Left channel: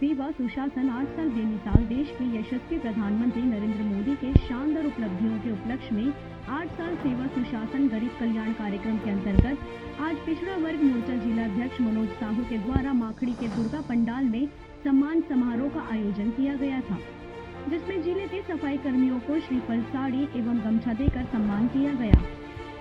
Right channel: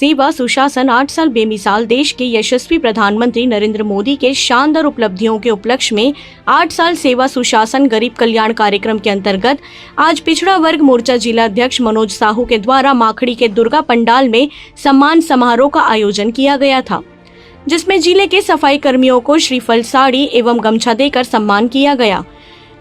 सेवा सुशासन 8 साल बेमिसाल देश के यशस्वी प्रधानमंत्री नरेंद्र मोदी के शानदार उपलब्धियों के उपलक्ष्य में 8 साल सेवा सुशासन गरीब कल्याण कार्यक्रम के अंतर्गत आज पिछड़ा वर्ग मोर्चा जिला अध्यक्ष मनोज साहू के द्वारा माखड़ी के दुर्गा पंडाल में सम्मान समारोह का आयोजन किया गया था, जिसमें जिले के सफाई कर्मियों को श्रीफल, साड़ी एवं गमछा देकर सम्मान किया गया।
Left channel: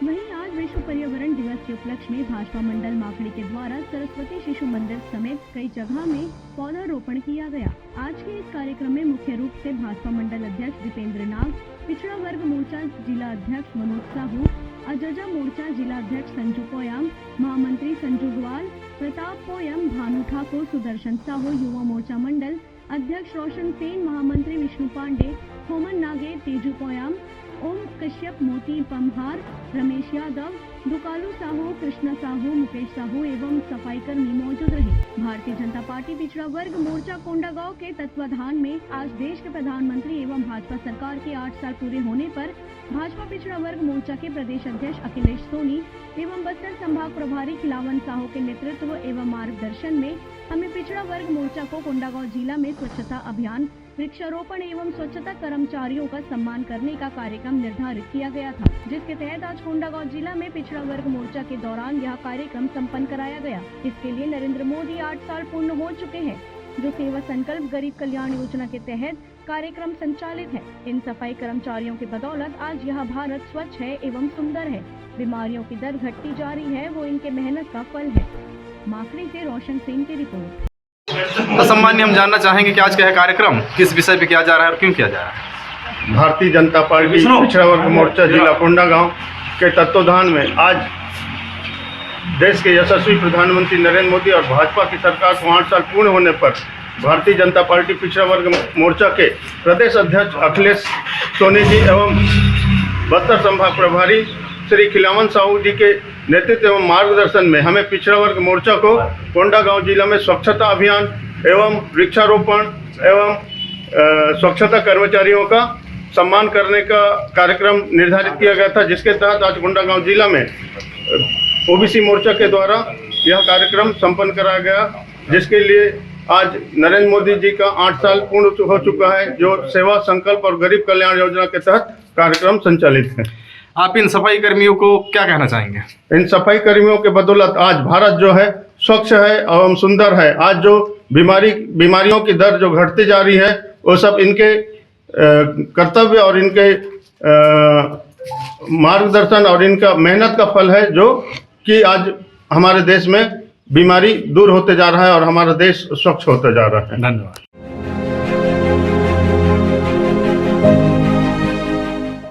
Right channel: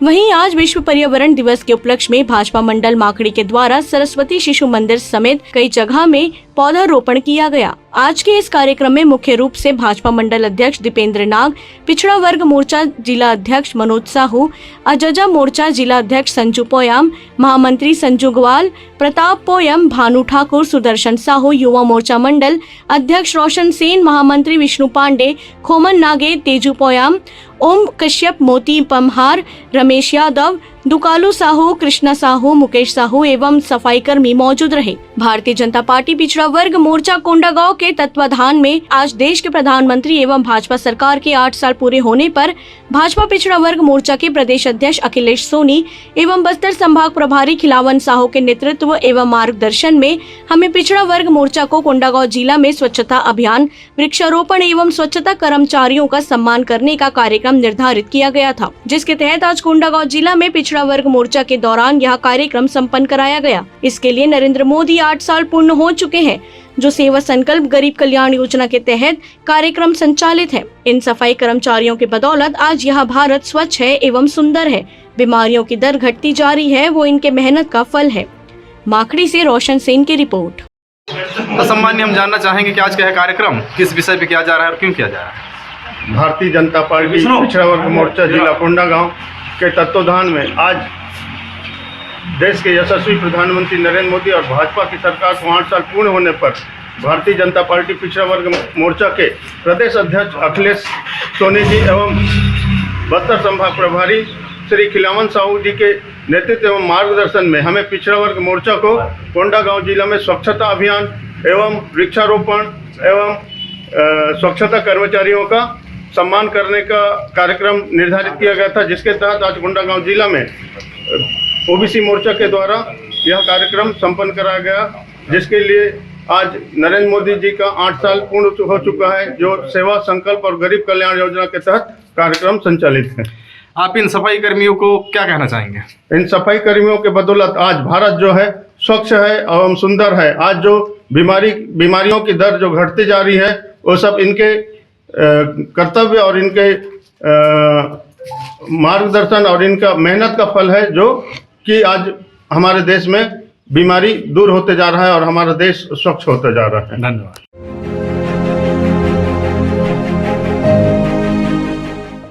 वहीं आज विश्व पर्यावरण दिवस के उपलक्ष्य में भाजपा मंडल माखड़ी के द्वारा सरस्वती शिशु मंदिर समेत कई जगह में पौधारोपण किया गया। आज के इस कार्यक्रम में मुख्य रूप से भाजपा मंडल अध्यक्ष दीपेंद्र नाग, पिछड़ा वर्ग मोर्चा जिला अध्यक्ष मनोज साहू, अजजा मोर्चा जिला अध्यक्ष संजू पोयाम, महामंत्री संजू ग्वाल, प्रताप पोयम, भानु ठाकुर, सुदर्शन साहू, युवा मोर्चा मंडल अध्यक्ष रोशन सेन, महामंत्री विष्णु पांडे, खोमन नागे, तेजू पोयाम, ओम कश्यप, मोती पमहार, रमेश यादव, दुकालू साहू, कृष्णा साहू, मुकेश साहू एवं सफाई कर्मी मौजूद रहे। भारतीय जनता पार्टी पिछड़ा वर्ग मोर्चा कोंडागांव के तत्वाधान में आज देश के प्रधानमंत्री एवं भाजपा सरकार के 8 साल पूरे होने पर भाजपा पिछड़ा वर्ग मोर्चा के प्रदेश अध्यक्ष अखिलेश सोनी एवं बस्तर संभाग प्रभारी खिलावन साहू के नेतृत्व एवं मार्गदर्शन में हमें पिछड़ा वर्ग मोर्चा को कोंडागांव जिला में स्वच्छता अभियान, वृक्षारोपण एवं स्वच्छता कर्मचारियों का सम्मान करने का कार्यक्रम निर्धारित किया गया था, जिसके तहत आज कोंडागांव जिला में पिछड़ा वर्ग मोर्चा के दौरान यह कार्यक्रम संपन्न कराया गया। इसके लिए नरेंद्र मोदी 8 साल पूर्ण हो चुके हैं, जो सेवा संकल्प गरीब कल्याण योजना के तहत कार्यक्रम संचालित है। इन सफाई कर्मचारियों के बदौलत आज यह भारत स्वच्छ है एवं सुंदर है। बीमारियों की दर घटती जा रही है, वो इनके मेहनत का फल है। माखड़ी से रोशन सेन की रिपोर्ट। सम्मान्य, हम जानना चाहेंगे कि आज का यह कार्यक्रम किस विषय पे किया जा रहा है और क्यों किया जा रहा है? भारतीय जनता पार्टी पिछड़ा वर्ग मोर्चा जिला कोंडागांव के तत्वाधान में आज देश के यशस्वी प्रधानमंत्री नरेंद्र मोदी और भाजपा की सरकार को 8 साल पूर्ण होने पर भारतीय जनता पार्टी पिछड़ा वर्ग मोर्चा के प्रदेश अध्यक्ष अखिलेश सोनी जी एवं बस्तर संभाग प्रभारी श्री खिलावन साहू जी के नेतृत्व एवं मार्गदर्शन में हमें पिछड़ा वर्ग मोर्चा को कोंडागांव जिला में स्वच्छता अभियान एवं वृक्षारोपण एवं स्वच्छता कर्मचारियों का सम्मान करने का कार्यक्रम निर्धारित किया गया था, जिसके तहत आज कोंडागांव जिला में ओबीसी मोर्चा के द्वारा यह कार्यक्रम संपन्न कराया गया, जिसके लिए आज नरेंद्र मोदी जी का 8 साल पूर्ण हो चुका है, जो सेवा संकल्प और गरीब कल्याण योजना के तहत कार्यक्रम संचालित है। आप इन सफाई कर्मियों को क्या कहना चाहेंगे? इन सफाई कर्मियों के बदौलत आज भारत जो है स्वच्छ है एवं सुंदर है। आज जो बीमारियों की दर जो घटती जा रही है, वो सब इनके कर्तव्य और इनके मार्गदर्शन और इनका मेहनत का फल है, जो कि आज हमारे देश में बीमारी दूर होते जा रहा है और हमारा देश स्वच्छ होते जा रहा है। धन्यवाद।